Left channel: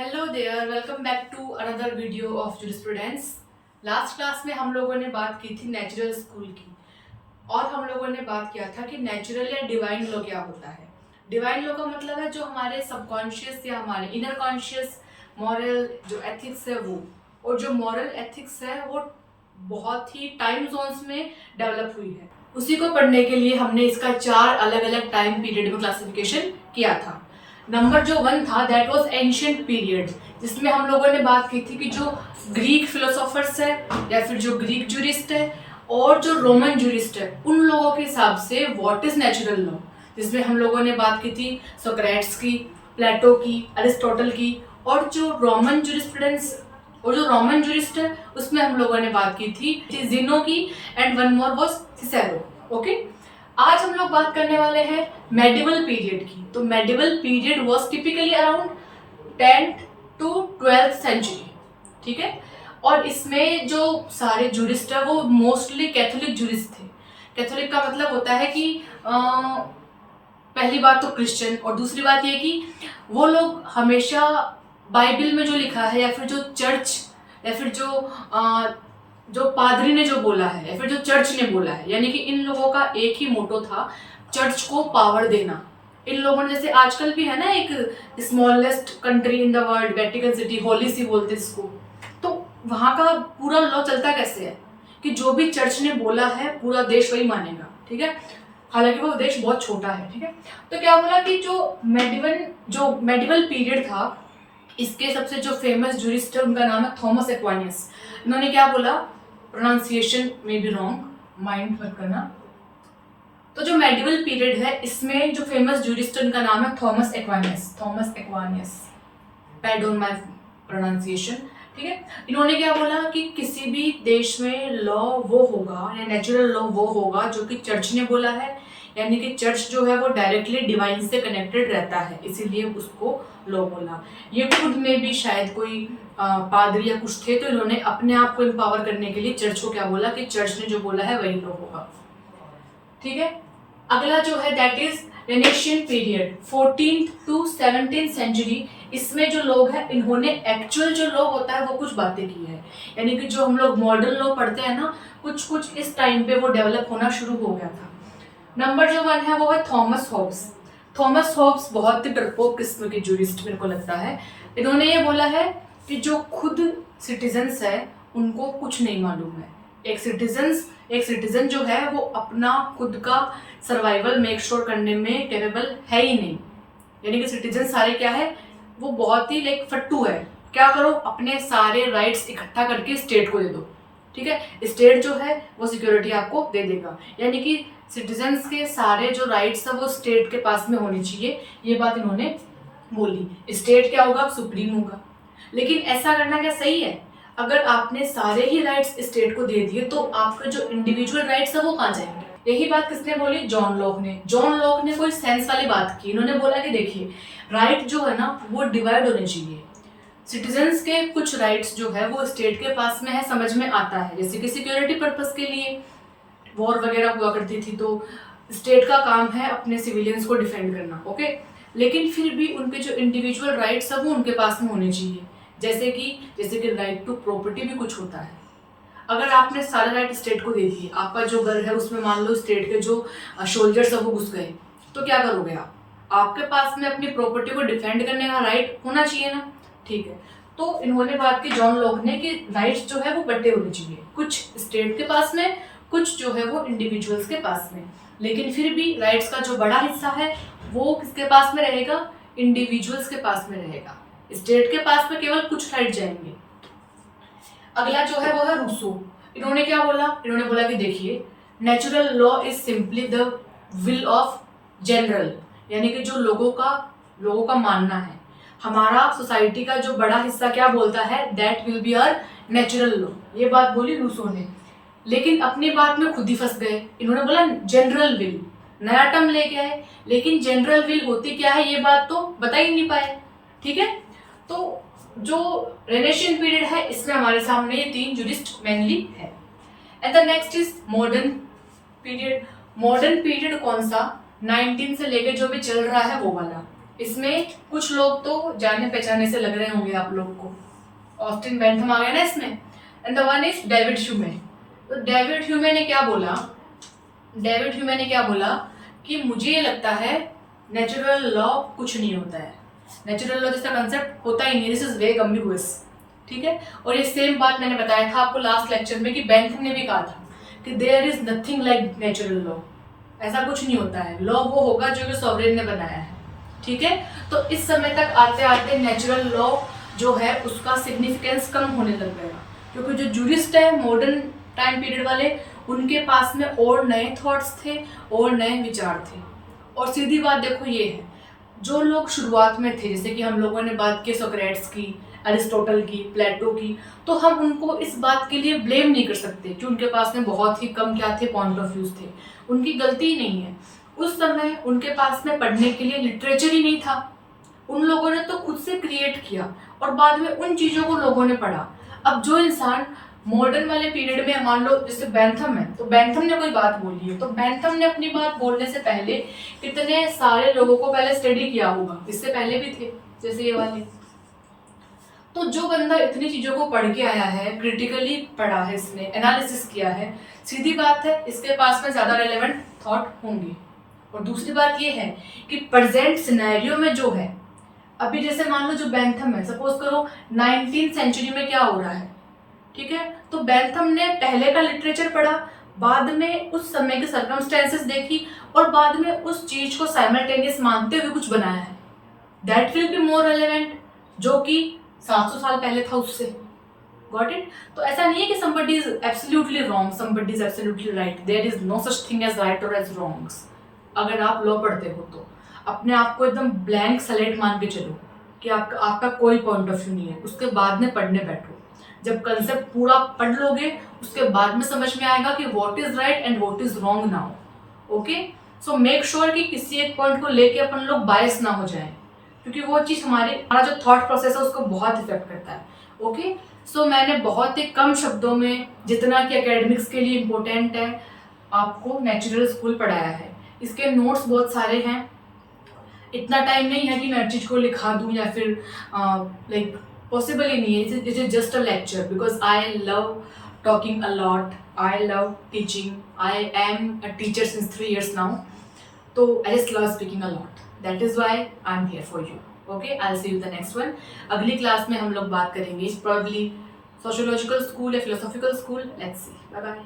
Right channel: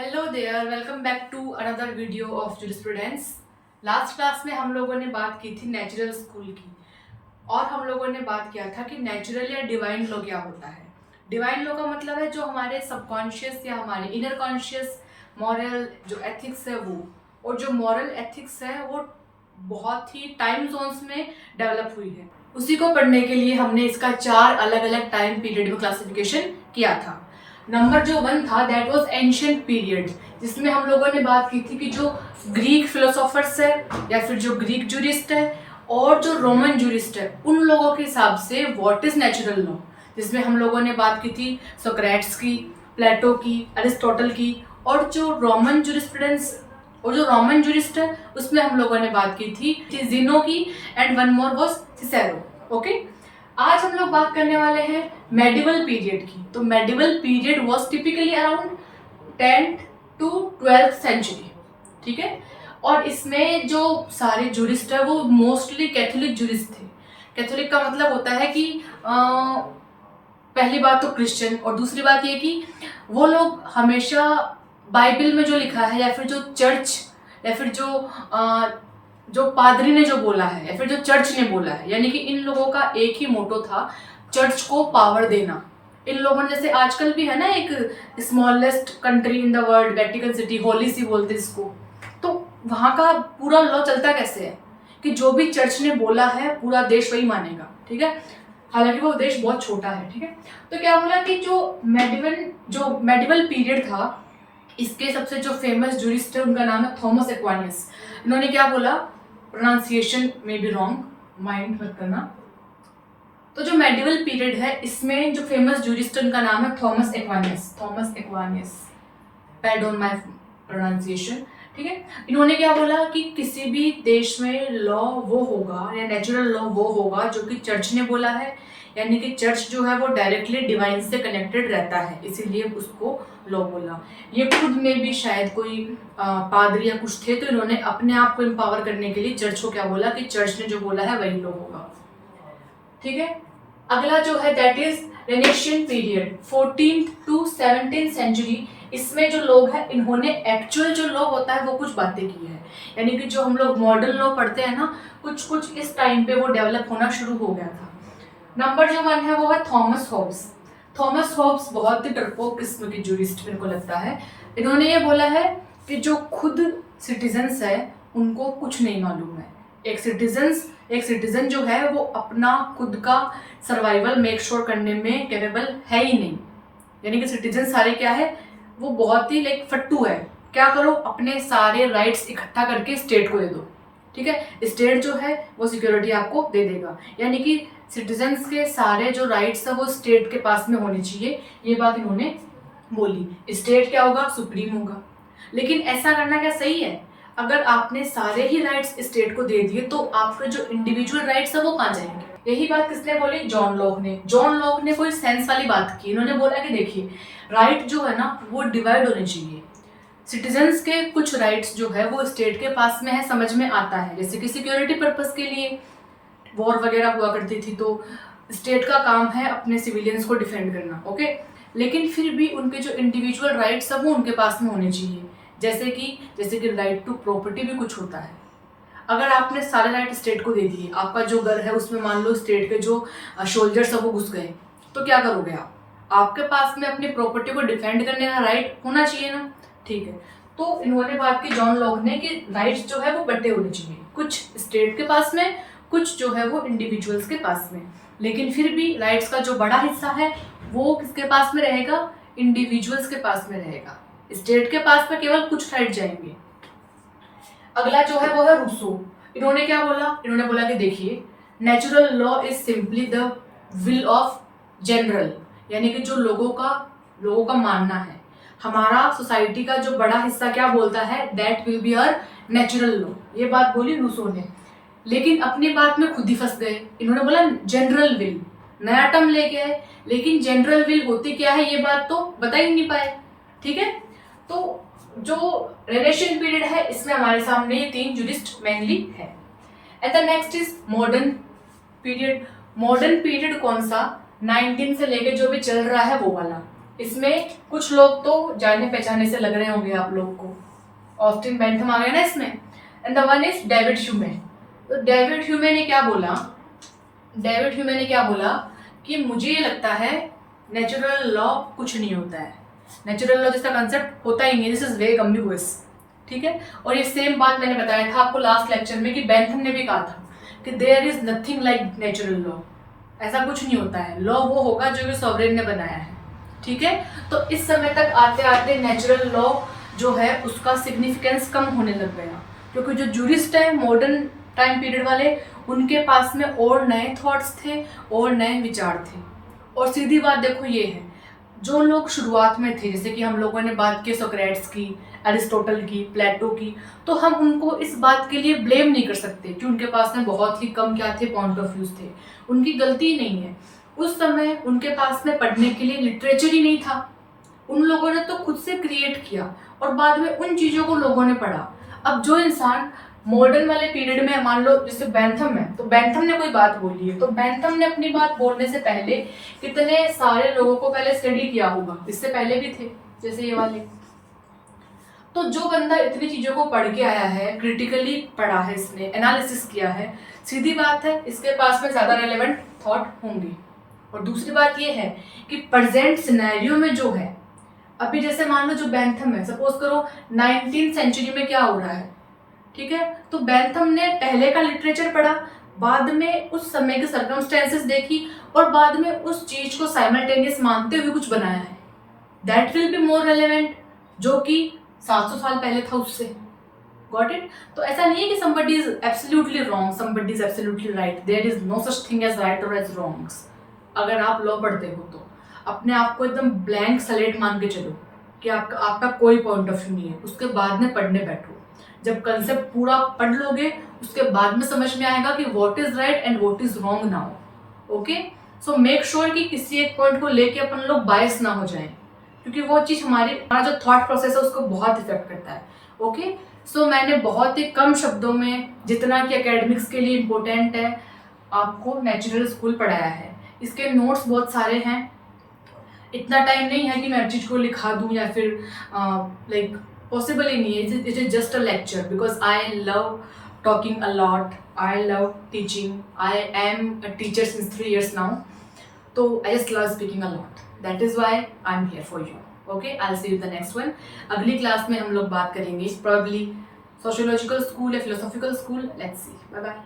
Hello there, welcome back to another video of jurisprudence. Last class में हम लोगों ने बात की थी नेचुरल स्कूल की, और हम लोगों ने बात किया था कि नेचुरल या डिवाइन लॉ क्या होता है। डिवाइन लॉ का मतलब है जो हमारे सबकॉन्शियस या हमारे इनर कॉन्शियस मॉरल जो एथिक्स है वो, और जो मॉरल एथिक्स है वो बहुत ही टाइम जोन्स में डेवलप हुई है। उसी को पढ़ने के लिए हमने इसका 4 अलग अलग टाइम पीरियड में क्लासिफिकेशन किया था। नंबर जो 1 था दैट वाज एंशिएंट पीरियड, जिसमें हम लोगों ने बात की थी कि जो ग्रीक फिलोसोफर्स है या फिर जो ग्रीक जूरिस्ट है और जो रोमन जूरिस्ट है उन लोगों के हिसाब से व्हाट इज नेचुरल लॉ, जिसमें हम लोगों ने बात की थी सोक्रेट्स की, प्लेटो की, अरिस्टोटल की, और जो रोमन जूरिस्प्रूडेंस और जो रोमन जूरिस्ट है उसमें हम लोगों ने बात की थी जिनो की, and one more was Cicero. Okay, आज हम लोग बात करने वाले हैं मेडिवल पीरियड की। तो medieval period was typically around 10th to 12th century, ठीक है। और इसमें जो सारे जूरिस्ट है वो मोस्टली कैथोलिक जूरिस्ट थे। कैथोलिक का मतलब होता है कि पहली बात तो क्रिश्चियन, और दूसरी बात ये कि वो लोग हमेशा बाइबल में जो लिखा है या फिर जो चर्च या फिर जो पादरी ने जो बोला है या फिर जो चर्च ने बोला है, यानी कि इन लोगों का एक ही मोटो था, चर्च को पावर देना। इन लोगों ने, जैसे आजकल भी है ना एक smallest country in the world Vatican City, Holy See बोलते इसको, तो वहाँ का पूरा लॉ चलता कैसे है कि जो भी चर्च ने बोला है पूरा देश वही मानेगा, ठीक है। हालांकि वो देश बहुत छोटा है, ठीक है। तो क्या बोला कि जो मेडिवल पीरियड था, इसके सबसे जो फेमस जूरिस्ट है उनका नाम है थॉमस एक्वानियस। इन्होंने क्या बोला, प्रोनाउंसिएशन में भी रॉन्ग, माइंड मत करना। तो जो मेडिवल पीरियड है इसमें जो फेमस जूरिस्ट है उनका नाम है थॉमस एक्वानियस। पैर्डोन माय प्रोनाउंसिएशन, ठीक है। इन्होंने क्या बोला कि किसी भी देश में लॉ वो होगा या नेचुरल लॉ वो होगा जो कि चर्च ने बोला है, यानी कि चर्च जो है वो डायरेक्टली डिवाइन से कनेक्टेड रहता है, इसीलिए उसको लॉ बोला। ये खुद में भी शायद कोई पादरी या कुछ थे, तो इन्होंने अपने आप को एम्पावर करने के लिए चर्च को क्या बोला कि चर्च ने जो बोला है वही लॉ होगा, ठीक है। अगला जो है that is Renaissance period, 14th to 17th century. इसमें जो लोग हैं इन्होंने एक्चुअल जो लॉ होता है वो कुछ बातें की है, यानी कि जो हम लोग मॉडर्न लॉ पढ़ते हैं ना, कुछ कुछ इस टाइम पे वो डेवलप होना शुरू हो गया था। नंबर जो 1 है वो है थॉमस हॉब्स। थॉमस हॉब्स बहुत ही डरपोक किस्म के जूरिस्ट मेरे को लगता है। इन्होंने ये बोला है कि जो खुद सिटीजन्स है उनको कुछ नहीं मालूम है। एक सिटीजन जो है वो अपना खुद का सर्वाइवल मेक श्योर करने में कैपेबल है ही नहीं, यानी कि सिटीजन सारे क्या है, वो बहुत ही लाइक फट्टू है। क्या करो, अपने सारे राइट्स इकट्ठा करके स्टेट को दे दो, ठीक है। स्टेट जो है वो सिक्योरिटी आपको दे देगा, यानी कि सिटीजन्स के सारे जो राइट्स है वो स्टेट के पास में होने चाहिए, ये बात इन्होंने बोली। स्टेट क्या होगा, सुप्रीम होगा। लेकिन ऐसा करना क्या सही है? अगर आपने सारे ही राइट्स स्टेट को दे दिए तो आपके जो इंडिविजुअल राइट्स है वो कहाँ जाएंगे? यही बात किसने बोली? जॉन लॉक ने कोई सेंस वाली बात की। इन्होंने बोला कि देखिए, राइट जो है ना वो डिवाइड होने चाहिए। सिटीजन्स के कुछ राइट्स जो है वो स्टेट के पास में है, समझ में आता है, जैसे कि सिक्योरिटी पर्पस के लिए वॉर वगैरह हुआ करती थी तो स्टेट का काम है अपने सिविलियंस को डिफेंड करना, ओके। लेकिन फिर भी उनके जो इंडिविजुअल राइट्स है वो उनके पास में होने चाहिए, जैसे कि राइट टू प्रॉपर्टी भी कुछ होता है। अगर आपने सारे राइट स्टेट को दे दिए, आपका जो घर है उसमें मान लो स्टेट के जो सोल्जर्स है वो घुस गए, तो क्या करोगे आप? आपके पास में अपनी प्रॉपर्टी को डिफेंड करने का राइट होना चाहिए ना, ठीक है। तो इन्होंने बात की जॉन लॉक ने कि राइट्स जो है वो बंटे होने चाहिए, कुछ स्टेट के पास में, कुछ जो है वो इंडिविजुअल्स के पास में। लेकिन फिर भी राइट्स का जो बड़ा हिस्सा है वो किसके पास में रहेगा? इंडिविजुअल्स के पास में रहेगा। स्टेट के पास में केवल कुछ राइट जाएंगे। अगला जो है वो है रूसो। इन्होंने क्या बोला? इन्होंने बोला कि देखिए, natural law is simply the will of general, यानी कि जो लोगों का मानना है। हमारा सोसाइटी का जो बड़ा हिस्सा क्या बोलता है, that will be our natural law. ये बात बोली रूसो ने, लेकिन अपनी बात में खुद ही फंस गए। इन्होंने बोला जनरल विल, नया टर्म लेके आए, लेकिन जनरल विल होती क्या है ये बात तो बता ही नहीं पाए, ठीक है। तो जो रेनेशियन पीरियड है इसमें हमारे सामने 3 जूरिस्ट मेनली है। And the next is modern period. Modern period कौन सा? 19 से लेके जो भी चल रहा है वो वाला। इसमें कुछ लोग तो जाने पहचाने से लग रहे होंगे आप लोग को। ऑस्टिन बेंथम आ गए ना इसमें। And the one is David ह्यूमे। तो डेविड ह्यूमे ने क्या बोला, डेविड ह्यूमे ने क्या बोला कि मुझे ये लगता है नेचुरल लॉ कुछ नहीं होता है, नेचुरल लॉ जैसा कंसेप्ट होता ही नहीं, दिस इज वेग एम्बिगुअस। ठीक है, और ये सेम बात मैंने बताया था आपको लास्ट लेक्चर में कि बेंथम ने भी कहा था कि there is nothing like natural law, ऐसा कुछ नहीं होता है, लॉ वो होगा जो कि सॉवरेन ने बनाया है। ठीक है, तो इस समय तक आते आते नेचुरल लॉ जो है उसका सिग्निफिकेंस कम होने लग गया, क्योंकि जो जूरिस्ट है मॉडर्न टाइम पीरियड वाले, उनके पास में और नए थॉट्स थे और नए विचार थे। और सीधी बात देखो ये है, जो लोग शुरुआत में थे, जैसे कि हम लोगों ने बात की सोक्रेट्स की, एरिस्टोटल की, प्लेटो की, तो हम उनको इस बात के लिए ब्लेम नहीं कर सकते कि उनके पास में बहुत ही कम क्या थे, पॉइंट ऑफ व्यूज थे। उनकी गलती नहीं है, उस समय उनके पास में पढ़ने के लिए लिटरेचर ही नहीं था। उन लोगों ने तो खुद से क्रिएट किया और बाद में उन चीज़ों को लोगों ने पढ़ा। अब जो इंसान मॉडर्न वाले पीरियड में, मान लो जैसे बेंथम है, तो बेंथम ने कोई बात बोली है, तो बेंथम ने अपनी बात बोलने से पहले कितने सारे लोगों को पहले स्टडी किया होगा, इससे पहले भी थे जैसे ये वाले। तो जो बंदा इतनी चीज़ों को पढ़ के आया है, क्रिटिकली पढ़ा है, इसने एनालिसिस किया है, सीधी बात है इसके पास में ज़्यादा रेलेवेंट थॉट होंगे। और दूसरी बात ये है कि प्रेजेंट सिनेरियो में जो है, अभी जैसे मान लो जो बेंथम है, सपोज करो 19th सेंचुरी में क्या हो रहा है, ठीक है, तो बेंथम ने पहले का लिटरेचर पढ़ा, बाद में उस समय के सर्कमस्टेंसेस देखी और बाद में उस चीज को साइमल्टेनियस मानते हुए कुछ बनाया है, that will be more relevant, जो कि 700 साल पहले था उससे। Got it? तो ऐसा नहीं है कि somebody is absolutely wrong, somebody is absolutely right, there is no such thing as right or as wrongs। अगर आप लॉ पढ़ते हो तो अपने आप को एकदम ब्लैंक स्लेट मान के चलो कि आपका कोई पॉइंट ऑफ व्यू नहीं है, उसके बाद में पढ़ने बैठो। जब कंसेप्ट पूरा पढ़ लोगे उसके बाद में समझ में आएगा कि what is right and what is wrong now. Okay, so make sure कि किसी एक पॉइंट को लेके अपन लोग बायस ना हो जाएं, क्योंकि वो चीज़ हमारा जो थॉट प्रोसेस है उसको बहुत इफेक्ट करता है। ओके, सो मैंने बहुत ही कम शब्दों में, जितना कि एकेडमिक्स के लिए इम्पोर्टेंट है, आपको नेचुरल स्कूल पढ़ाया है। इसके नोट्स बहुत सारे हैं, इतना टाइम नहीं है कि मैं हर चीज़ को लिखा दूँ या फिर लाइक पॉसिबल ही नहीं है। It is just a lecture because I love talking a lot, I love teaching, I am a teacher since 3 years now, तो I just love speaking a lot, that is why I am here for you. Okay, I see you the next one. अगली class में हम लोग बात करेंगे probably sociological school या philosophical school, let's see, bye bye.